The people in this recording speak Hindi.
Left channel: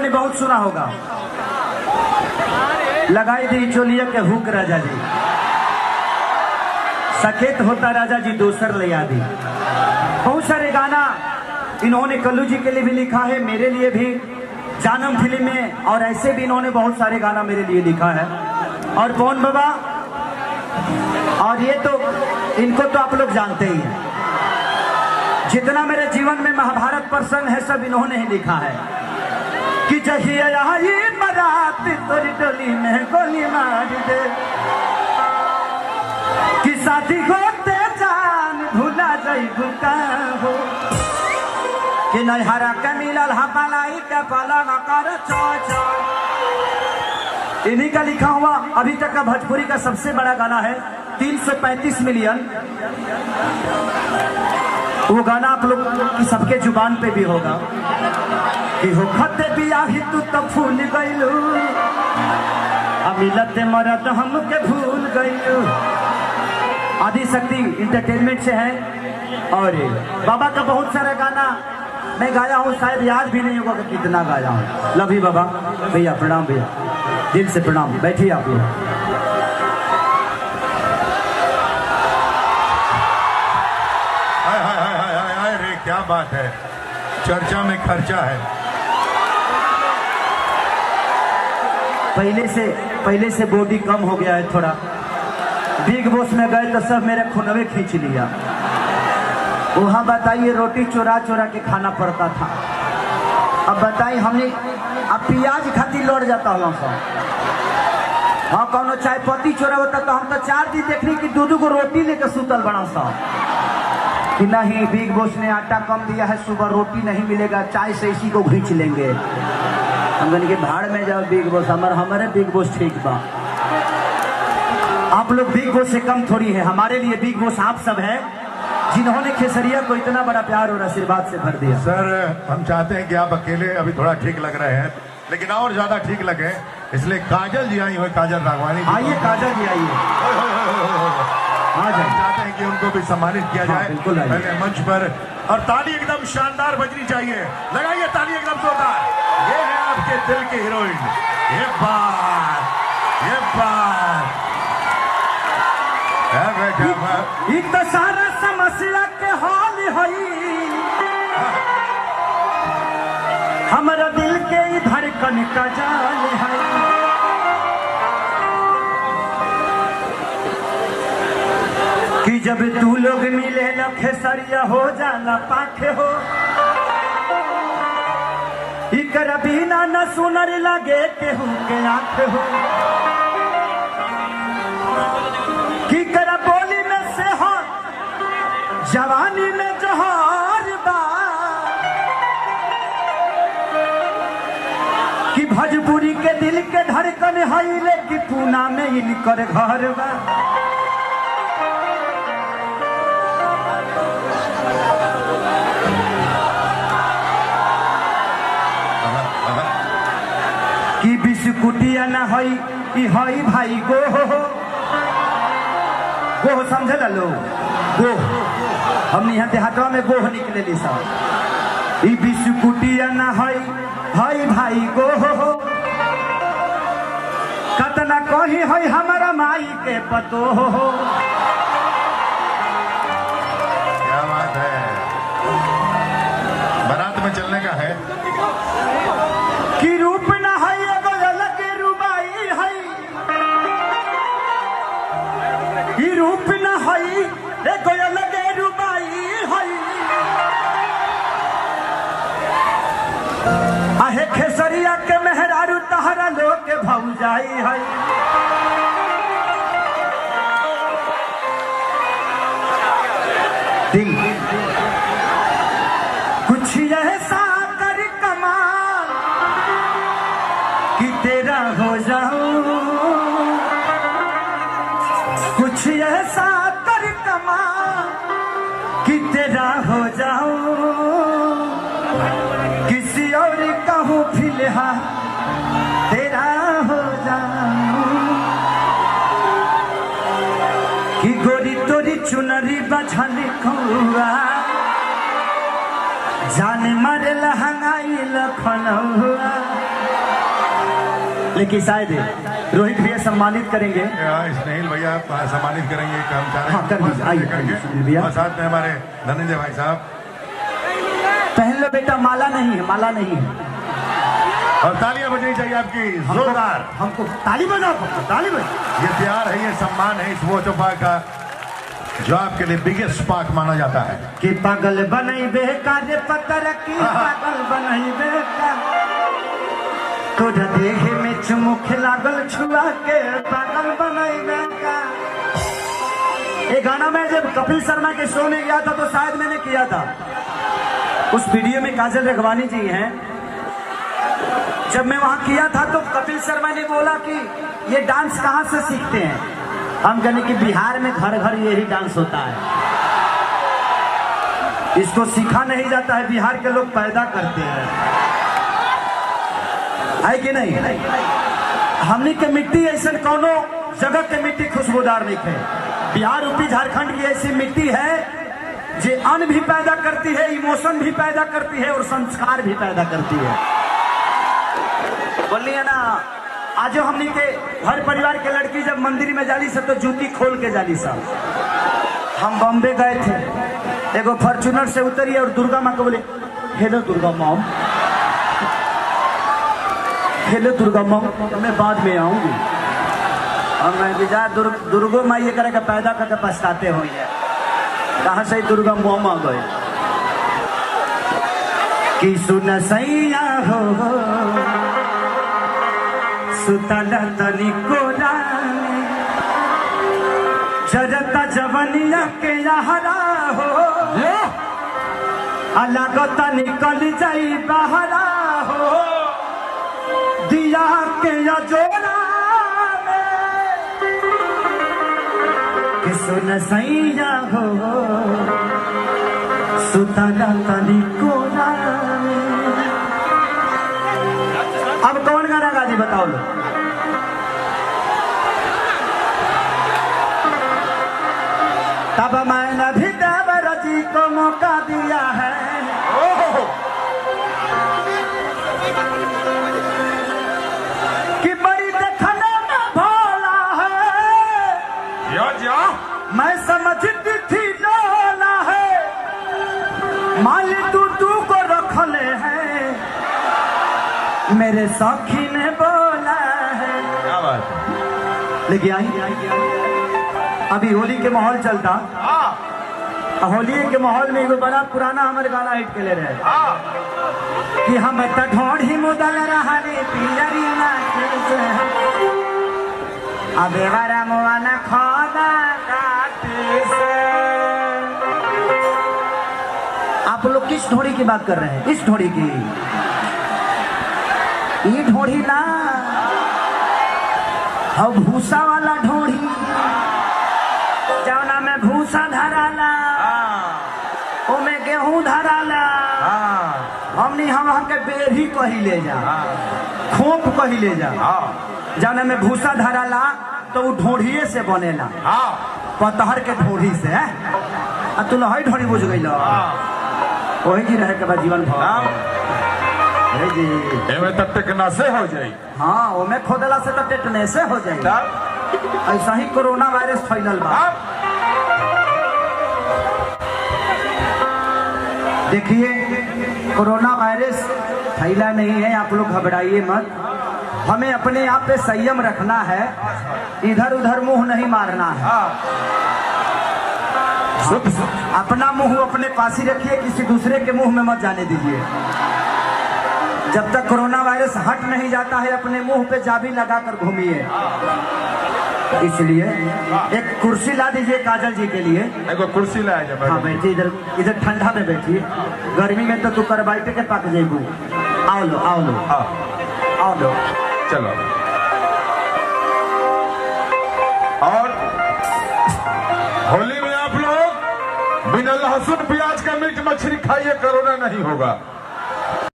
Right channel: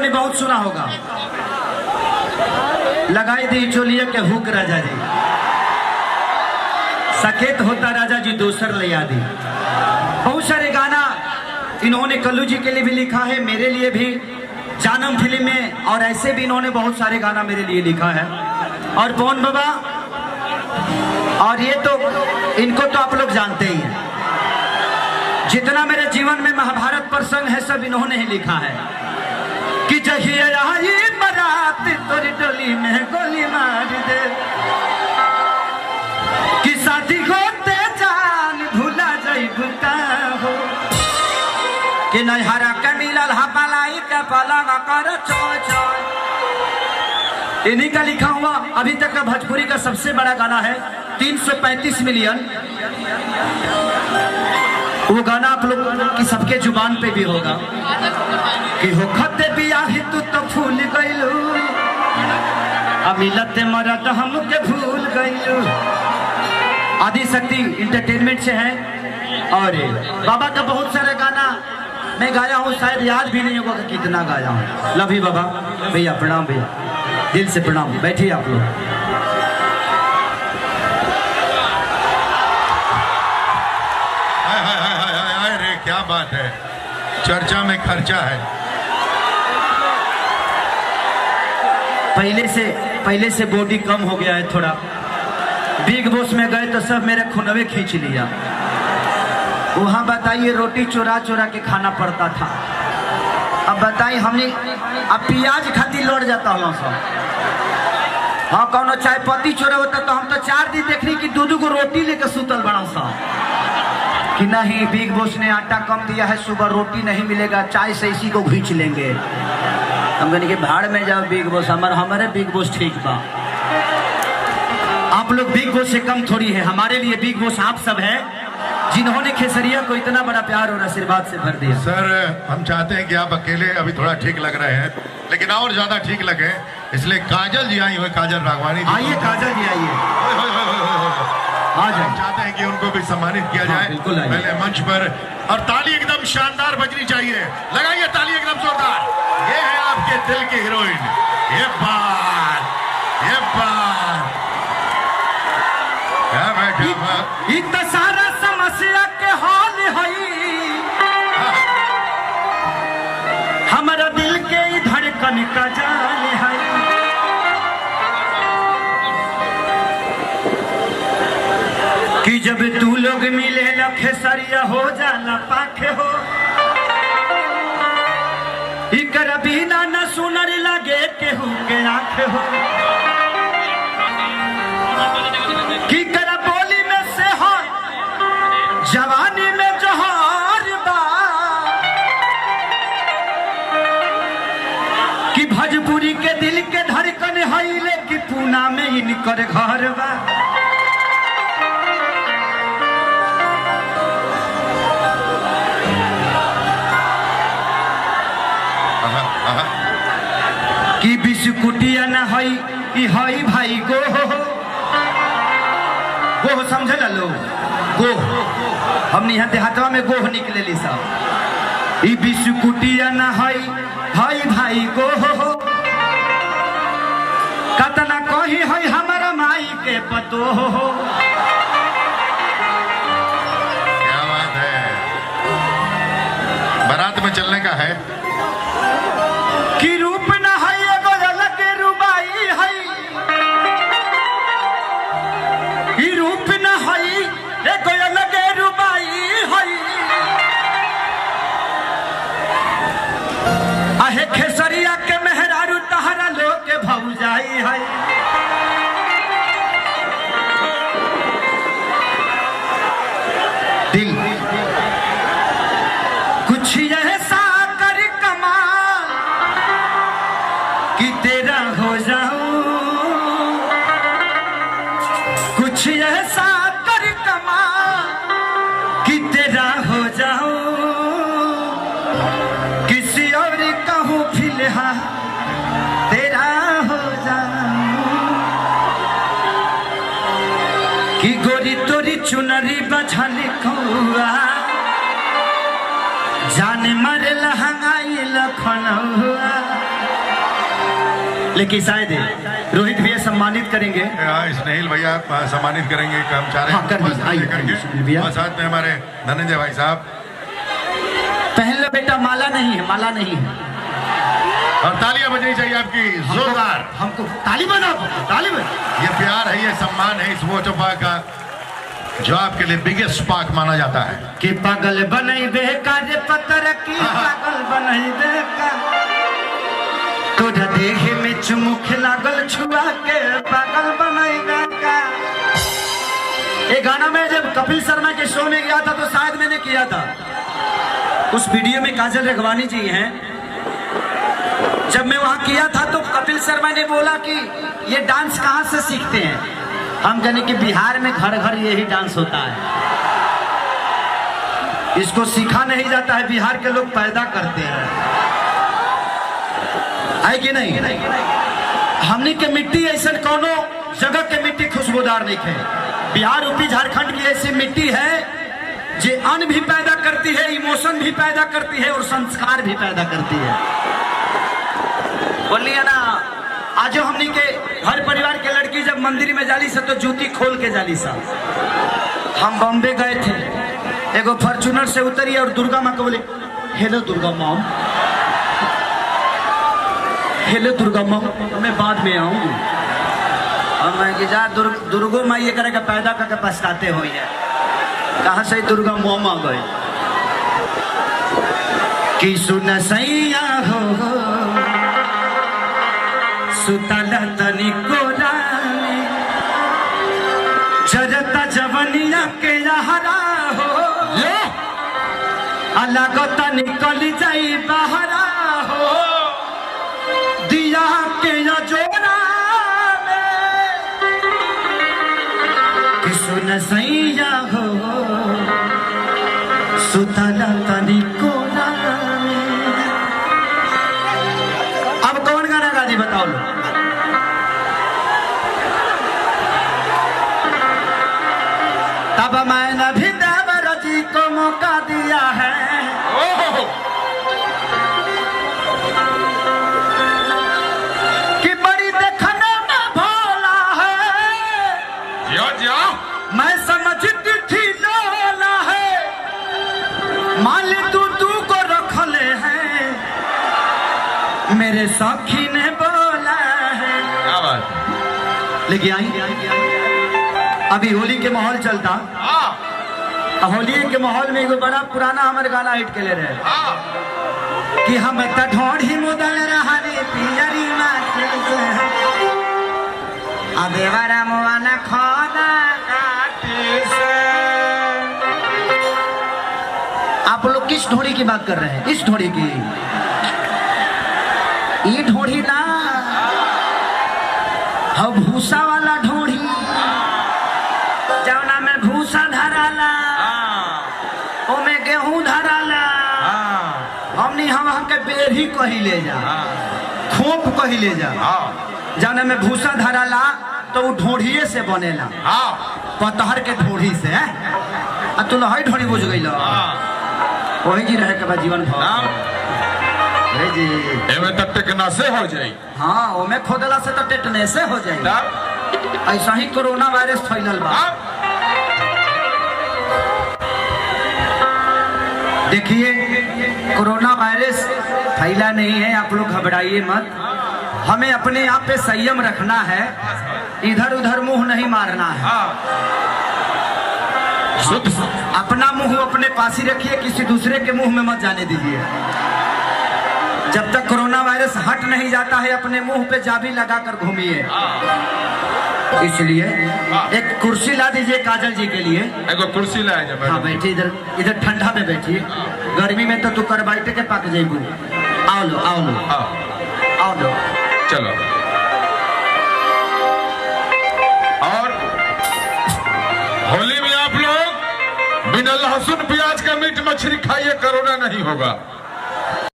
ने बहुत सुना होगा, लगाई दी चोलिया के हुक राजा जी, सकेत होता राजा जी दोसर ले आदि। बहुत सारे गाना इन्होंने कल्लू जी के लिए भी लिखा है, मेरे लिए भी, जानम फिल्म में, और ऐसे भी इन्होंने बहुत सारे गाना मेरे लिए लिखा है। और पवन बाबा, और ये तो इनको तो आप लोग जानते ही हैं, जितना मेरे जीवन में महाभारत प्रसंग है सब इन्होंने ही लिखा है। कि जहिया आई बारात तोरी डोली में गोली मार दे, कि साथी होते जान भूला जाई भूता हो, कि नैहरा के मिलल हपलाई के पलंग कर चो चो। इन्हीं का लिखा हुआ अभी तक का भोजपुरी का सबसे बड़ा गाना है, 335 मिलियन। वो गाना आप लोग की सबके जुबान पे भी होगा कि हो खते बियाही तू तो भूल गइलू, अमिलते मरद हमके भूल गइलू। आदि शक्ति इंटरटेनमेंट से है। और बाबा का बहुत सारा गाना मैं गाया हूँ, शायद याद भी नहीं होगा कि कितना गाया हूँ। लव यू बाबा, भैया प्रणाम, भैया दिल से प्रणाम। बैठिए आप लोग। अरे क्या बात है, चर्चा में खर्चा है। पहले से बॉडी कम हो गया है थोड़ा। बिग बॉस में गए तो सब मेरे खुनवे खींच लिया। वहाँ बताइए रोटी चोरा चोरा के खाना पड़ता था। अब बताइए हमने अब प्याज खाती लौट जाता हूँ सब। हाँ कौनो चाय पत्ती चोरा होता तो हम तो 4 दिन देखने की 2-2 को रोटी लेकर सुतल बना सा कि नहीं बिग बॉस ने आटा कम दिया है, सुबह रोटी नहीं मिलेगा, चाय से इसी को खींच लेंगे। हम कहने के भाड़ में जाओ बिग बॉस, हमारे बिग बॉस ठीक बा। आप लोग बिग बॉस से कम थोड़ी है, हमारे लिए बिग बॉस आप सब है जिन्होंने खेसरिया को इतना बड़ा प्यार और आशीर्वाद से भर दिया। सर हम चाहते हैं कि आप अकेले अभी थोड़ा ठीक लग रहे हैं, लेकिन और ज्यादा ठीक लगे, इसलिए काजल जी आई हुए, काजल राघवानी जी। आइए काजल जी आइए, हम चाहते हैं कि उनको भी सम्मानित किया जाए पहले मंच पर, और ताली एकदम शानदार बजनी चाहिए। लगाइए ताली एकदम जोरदार। ये है आपके दिल की हीरोइन। ये बात एक तो सारा समस्या के हाल है, हमारा दिल के धड़कन का जाल है। कि जब तू लोग मिले खेसरिया हो जाला पाखे हो, इकर बिना न सुनर लगे केहू के आंखे हो। कि कर बोली में से हो जवानी में जोहर बा, कि भोजपुरी के दिल के धड़कन है, कि पूना में इनकर घर बा। कि बिस्कुटिया न हई भाई गोह समझे ला लो, गोह हमने यहाँ देहातवा में गोह निकले ली सा। ई बिस्कुटिया न हई भाई गोह, कतना कही हई हमारा माई के पतो हो। क्या बात है, बारात में चलने का है। कि रूप न है एगो अलग रुबाई है, ई रूप न है एगो अलग रुबाई है। आहे खेसरिया के मेहरारू तहरा लोग के भौजाई है। दिल कुछ ऐसा कर कमाल कि तेरा हो जाऊं, कुछ ऐसा कर कमाल कि तेरा हो जाऊं, किसी और कहूँ फिलहाल तेरा हो जाऊं। कि गोरी तोरी चुनरी बझल कौआ, जान मर लहंगाई लखनऊआ। लेकिन शायद रोहित भैया सम्मानित करेंगे। स्नेहिल भैया सम्मानित करेंगे कर्मचारी। हाँ, कर दीजिए, आइए भैया। और साथ में हमारे धनंजय भाई साहब। पहन लो बेटा, माला नहीं है, माला नहीं है। और तालियां बजनी चाहिए आपकी जोरदार। हमको ताली बजाओ, ताली बजाओ। ये प्यार है, ये सम्मान है इस वोटो पाक का, जो आपके लिए बिगेस्ट पाक माना जाता है। कि पागल बनाई दे का रे पत्थर की, पागल बनाई दे का तोरा देखे में चुमुख लागल छुआ के, पागल बनाई दे का। ये गाना मैं जब कपिल शर्मा के शो में गया था तो शायद मैंने किया था। उस वीडियो में काजल रेघवानी जी हैं। जब मैं वहां किया था तो कपिल शर्मा ने बोला कि ये डांस कहां से सीखते हैं। हम कहने कि बिहार में घर घर यही डांस होता है, इसको सीखा नहीं जाता है, बिहार के लोग पैदा करते हैं, है कि नहीं? हमने के मिट्टी ऐसे कोनो जगह के मिट्टी खुशबूदार नहीं है। बिहार, यूपी, झारखंड की ऐसी मिट्टी है जो अन्न भी पैदा करती है, इमोशन भी पैदा करती है और संस्कार भी पैदा करती है। बोलिए ना, आज हमनी के हर परिवार के लड़की जब मंदिर में जाली से तो जूती खोल के जाली सा। हम बॉम्बे गए थे, एगो फॉर्चूनर से उतरी और दुर्गा माँ को बोले हेलो दुर्गा माँ, हेलो दुर्गा माँ, मैं बाद में आऊंगी। और मैं कि जा दुर्गो माँ ये करे पैदा करके पछताते हो, कहा से दुर्गा माँ गए कि सुन सैया हो सुतला तनी कोरा जरता जवनिया के लहरा हो, अलगता निकल जाई बहरा हो, दिया के जोरा कि सुन सैया हो सुतला तनी कोरा। अब कौन गाना गा दी बताओ लो। तब मैंने भी देवर जी को मौका दिया है, कि बड़ी देखने में भोला है, मैं समझती थी डोला है, माल तू को रख ले है, मेरे सखी ने बोला है। क्या बात। लेकिन आई अभी होली के माहौल चलता, होली के माहौल में एगो बड़ा पुराना हमारे गाना हिट के ले रहे कि हम ढोढ़ी मुदल रहा रे पियरी अबेवारा मुआना खोदा से। आप लोग किस ढोड़ी की बात कर रहे हैं? किस ढोड़ी की? ये ढोड़ी ना, हम भूसा वाला ढोड़ी, जवना में भूसा धराला, ओमे गेहूं धराला, हमनी हम के बेरी कही ले जा, खोप कही ले जा, जवना में भूसा धराला तो वो ढोढ़िए से बनेला, पतहर के ढोढ़ी से। आ तू लहई ढोड़ी बुझ गई, वही जी रहे के बाद जीवन भर जी टेटनेसे हो जाए। हाँ, ओमे खोदला से तो टेटनेसे हो जाए। ऐसा ही कोरोना वायरस फैलल बा। देखिए, कोरोना वायरस फैला नहीं है, आप लोग घबराइए मत। हमें अपने आप पे संयम रखना है, इधर उधर मुंह नहीं मारना है। अपना मुंह अपने पास ही रखिए, किसी दूसरे के मुंह में मत जाने दीजिए। जब तक कोरोना वायरस हट नहीं जाता है, अपने मुंह पे चाबी लगाकर घूमिए। इसलिए एक कुर्सी ला दीजिए काजल जी के लिए। एक कुर्सी लाया जाए। हाँ बैठिए, इधर ठंडा में बैठिए, गर्मी में तो तू कर बैठे के पक जाइबू। आओ लो, आओ लो, आओ लो, चलो। और होली में आप लोग बिना लहसुन प्याज का मीट मछली खाइए, कोरोना नहीं होगा।